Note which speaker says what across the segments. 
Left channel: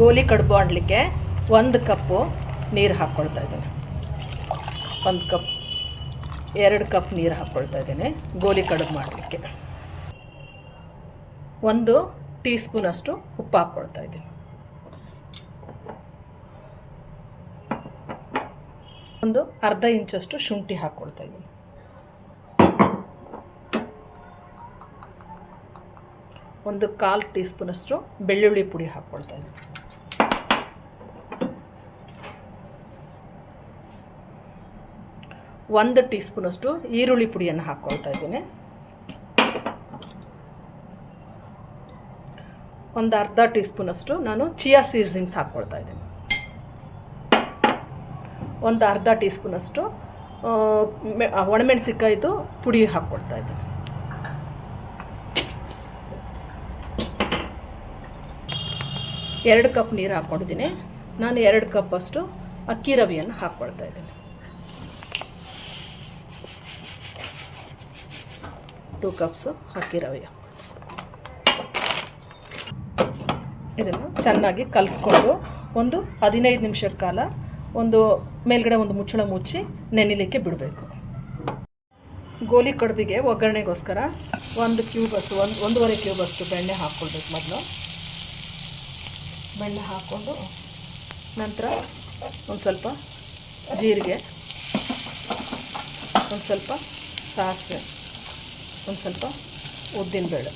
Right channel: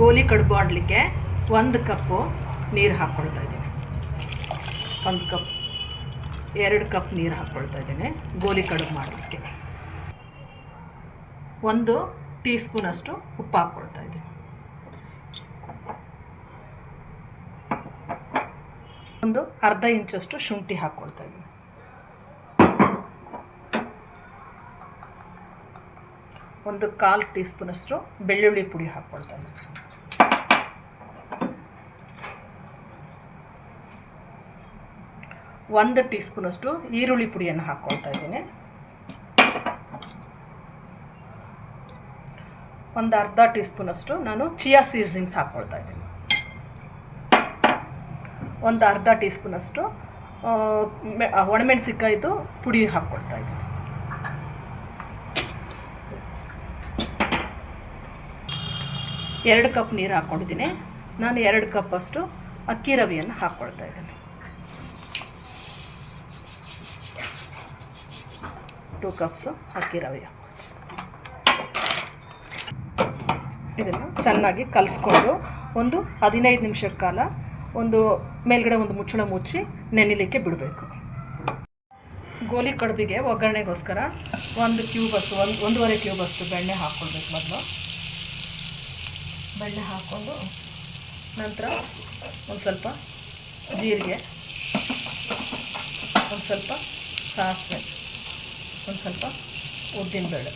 Speaker 1: ಗೋಲಿ ಕಡುಬು ಆಡಲಿಕ್ಕೆ ಒಂದು ಕಪ್ಪು ನೀರು ಹಾಕ್ಕೊಳ್ತಾ ಇದ್ದೀನಿ. ಒಂದು ಕಪ್, ಎರಡು ಕಪ್ ನೀರು ಹಾಕ್ಕೊಳ್ತಾ ಇದ್ದೀನಿ ಗೋಲಿ ಕಡುಬು ಮಾಡಲಿಕ್ಕೆ. ಒಂದು ಟೀ ಸ್ಪೂನಷ್ಟು ಉಪ್ಪು ಹಾಕ್ಕೊಳ್ತಾ ಇದ್ದೀನಿ. ಒಂದು ಅರ್ಧ ಇಂಚಷ್ಟು ಶುಂಠಿ ಹಾಕ್ಕೊಳ್ತಾ ಇದ್ದೀನಿ. ಒಂದು ಕಾಲು ಟೀ ಸ್ಪೂನಷ್ಟು ಬೆಳ್ಳುಳ್ಳಿ ಪುಡಿ ಹಾಕ್ಕೊಳ್ತಾ ಇದ್ದೀನಿ. ಒಂದು ಟೀ ಸ್ಪೂನಷ್ಟು ಈರುಳ್ಳಿ ಪುಡಿಯನ್ನು ಹಾಕ್ಕೊಳ್ತಾ ಇದ್ದೀನಿ. ಒಂದು ಅರ್ಧ ಟೀ ಸ್ಪೂನಷ್ಟು ನಾನು ಚಿಯಾ ಸೀಸನಿಂಗ್ಸ್ ಹಾಕ್ಕೊಳ್ತಾ ಇದ್ದೀನಿ. ಒಂದು ಅರ್ಧ ಟೀ ಸ್ಪೂನಷ್ಟು ಒಣಮೆಣಸಿಕಾಯ್ದು ಪುಡಿ ಹಾಕ್ಕೊಳ್ತಾ ಇದ್ದೀನಿ. ಎರಡು ಕಪ್ ನೀರು ಹಾಕ್ಕೊಂಡಿದ್ದೀನಿ. ನಾನು ಎರಡು ಕಪ್ಪಷ್ಟು ಅಕ್ಕಿ ರವಿಯನ್ನು ಹಾಕ್ಕೊಳ್ತಾ ಇದ್ದೀನಿ. ಟೂ ಕಪ್ಸು ಅಕ್ಕಿ ರವೆ. ಇದನ್ನು ಚೆನ್ನಾಗಿ ಕಲಿಸ್ಕೊಂಡು ಒಂದು ಹದಿನೈದು ನಿಮಿಷದ ಕಾಲ ಒಂದು ಮೇಲ್ಗಡೆ ಒಂದು ಮುಚ್ಚಳ ಮುಚ್ಚಿ ನೆನಿಲಿಕ್ಕೆ ಬಿಡಬೇಕು. ಗೋಲಿ ಕಡುಬಿಗೆ ಒಗ್ಗರಣೆಗೋಸ್ಕರ ಒಂದು ಕ್ಯೂಬಸ್ಸು ಒಂದು, ಒಂದೂವರೆ ಕ್ಯೂಬಷ್ಟು ಬೆಣ್ಣೆ ಹಾಕ್ಕೊಳ್ಬೇಕು ಮೊದಲು. ಬೆಣ್ಣೆ ಹಾಕ್ಕೊಂಡು ನಂತರ ಒಂದು ಸ್ವಲ್ಪ ಜೀರಿಗೆ, ಒಂದು ಸ್ವಲ್ಪ ಸಾಸಿವೆ. ಒಂದು ಸ್ವಲ್ಪ ಉದ್ದಿನ ಬೇಳೆ.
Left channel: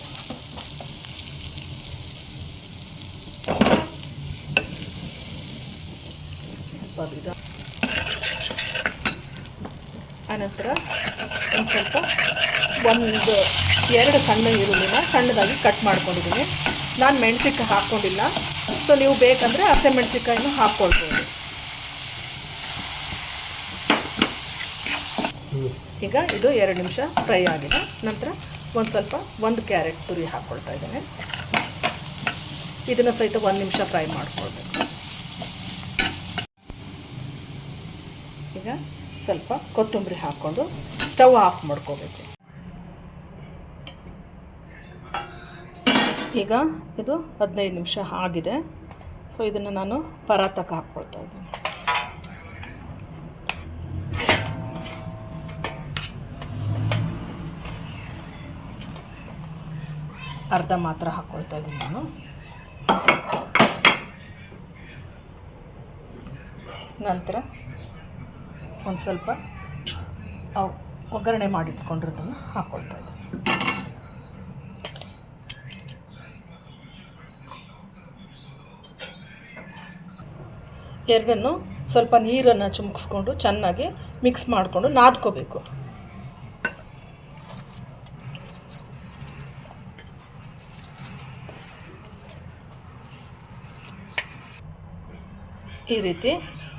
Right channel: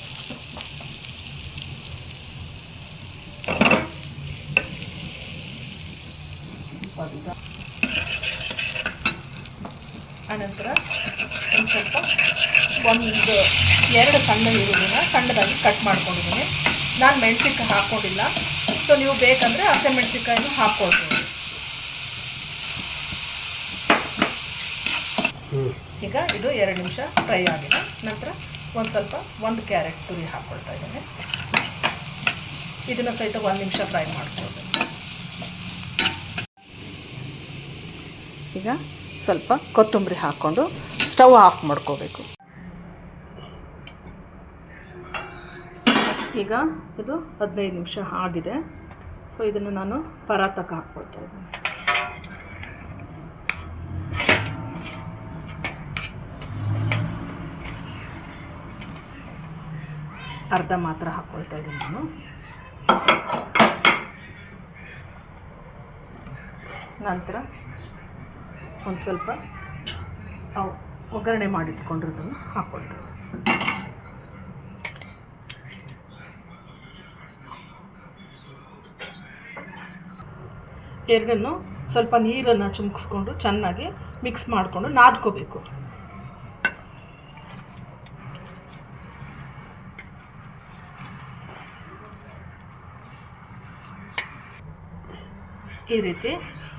Speaker 1: ಆನಂತರ ಒಂದು ಸ್ವಲ್ಪ ಒಂದು ಎರಡು ಸಣ್ಣ ಈರುಳ್ಳಿನ ಸಣ್ಣದಾಗಿ ಕಟ್ ಮಾಡ್ಕೊಂಡಿದ್ದೀನಿ. ನಾನು ಮೆಣಸಿನ್ಕಾಯಿ ಹಾಕ್ಕೊಂಡಿಲ್ಲ ಸೊ ನೀವು ಬೇಕಂದರೆ ಹಸಿಮೆಣ್ಸಿನ್ಕಾಯಿನೂ ಹಾಕ್ಕೊಳ್ಬೋದು ಈಗ ಇದು ಎರಡು ನಿಮಿಷ ಫ್ರೈ ಆಗಿದೆ. ನಂತರ ಒಂದು ಸ್ವಲ್ಪ ಒಂದು ಕ್ಯಾರೆಟ್ ತುರಿ ಹಾಕ್ಕೊಳ್ತಾ ಇದ್ದೇನೆ. ಇದನ್ನು ಸಹಿತ ಒಂದು ನಿಮಿಷ ಫ್ರೈ ಮಾಡ್ಕೊಳ್ಬೇಕು ಈಗ ಸ್ವಲ್ಪ ಕೊತ್ತಂಬರಿ ಹಾಕ್ಕೊಂಡು ಸ್ಟವ್ ಆಫ್ ಮಾಡ್ಕೋಬೇಕು. ಈಗ ಇದು ಹದಿನೈದು ನಿಮಿಷ ಆಗಿದೆ. ಸೊ ಇದನ್ನು ನಾನು ಪರಾತಕ್ಕೆ ಹಾಕ್ಕೊಳ್ತಾ ಇದ್ದೀನಿ. ಅರ್ಧ ಮಾತ್ರ ಹಾಕ್ಕೊಳ್ತಾ ಇದ್ದೀನಿ ನಾನು. ನಂತರ ಒಂದು ಸ್ವಲ್ಪ ಒಗ್ಗರಣೆ ಮಾಡಿಟ್ಕೊಂಡಿರೋದನ್ನು ಹಾಕ್ಕೊಳ್ತಾ ಇದ್ದೀನಿ. ಎರಡನ್ನು ಸ್ವಲ್ಪ ನೀರನ್ನು ಚುಮ್ಕಿಸ್ಕೊಂಡು ಚೆನ್ನಾಗಿ ಮಿಕ್ಸ್ ಮಾಡಿಕೊಂಡು ನಾದ್ಕೋಬೇಕು. ಈ ರೀತಿ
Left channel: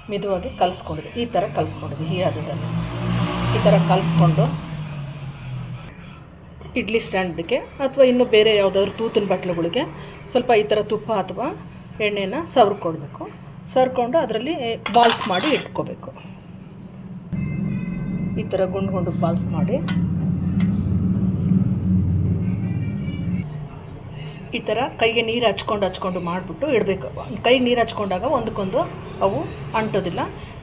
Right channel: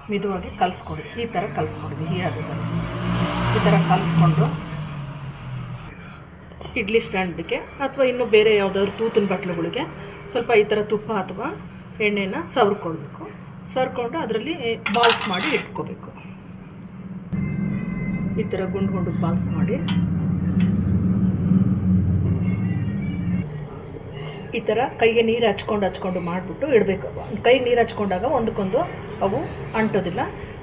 Speaker 1: ಮಿದುವಾಗಿ ಕಲಿಸ್ಕೊಂಡಿದ್ವಿ ಈ ಥರ ಕಲಿಸ್ಕೊಡೋದು ಈ ಹದದಲ್ಲಿ ಈ ಥರ ಕಲಿಸ್ಕೊಂಡು ಇಡ್ಲಿ ಸ್ಟ್ಯಾಂಡ್ಗೆ ಅಥವಾ ಇನ್ನು ಬೇರೆ ಯಾವುದಾದ್ರು ತೂತಿನ ಬಟ್ಲುಗಳಿಗೆ ಸ್ವಲ್ಪ ಈ ಥರ ತುಪ್ಪ ಅಥವಾ ಎಣ್ಣೆನ ಸವರ್ಕೊಳ್ಬೇಕು ಸರ್ಕೊಂಡು ಅದರಲ್ಲಿ ಬಾಲ್ಸ್ ಮಾಡಿ ಇಟ್ಕೋಬೇಕು. ಈ ಥರ ಗುಂಡು ಗುಂಡು ಬಾಲ್ಸ್ ಮಾಡಿ ಈ ಥರ ಕೈಗೆ ನೀರು ಹಚ್ಕೊಂಡು ಹಚ್ಕೊಂಡು ಮಾಡಿಬಿಟ್ಟು ಇಡಬೇಕು. ಕೈಗೆ ನೀರು ಹಚ್ಕೊಂಡಾಗ ಒಂದಕ್ಕೊಂದು ಅವು ಅಂಟೋದಿಲ್ಲ.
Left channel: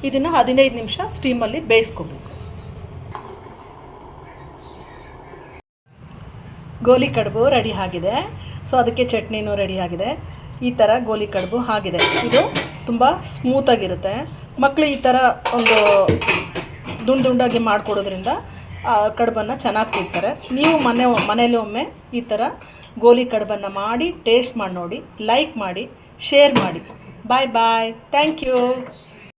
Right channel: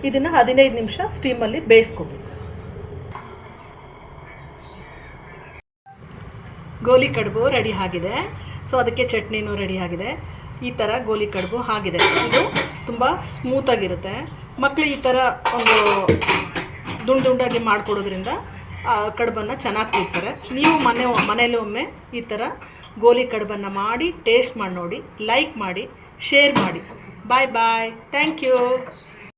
Speaker 1: ಇದನ್ನು ಹದಿನೈದು ನಿಮಿಷ ಸ್ಟೀಮಲ್ಲಿ ಬೇಯಿಸ್ಕೋಬೇಕು. ಗೋಲಿ ಕಡುಬು ರೆಡಿ ಆಗಿದೆ. ಸೊ ಅದಕ್ಕೆ ಚಟ್ನಿನೂ ರೆಡಿ ಆಗಿದೆ. ಈ ಥರ ಗೋಲಿ ಕಡುಬು ಆಗಿದೆ. ಇದು ತುಂಬ ಸ್ಮೂತಾಗಿರುತ್ತೆ. ಮಕ್ಕಳು ಈ ಥರ ಒಂದು ದುಂಡು ದುಂಡಾಗಿ ಮಾಡಿಕೊಡೋದ್ರಿಂದ ಕಡುಬನ್ನು ಚೆನ್ನಾಗಿ ತಿಂತಾರೆ ನೀವು ಮನೆ ಮನೇಲಿ ಒಮ್ಮೆ ಈ ಥರ ಗೋಲಿ ಕಡುಬನ್ನು ಮಾಡಿ ಟೇಸ್ಟ್ ಮಾಡಿ ನೋಡಿ ಲೈಕ್ ಮಾಡಿ ಶೇರ್ ಮಾಡಿ. ಬಾಯ್ ಬಾಯ್ ಥ್ಯಾಂಕ್ ಯು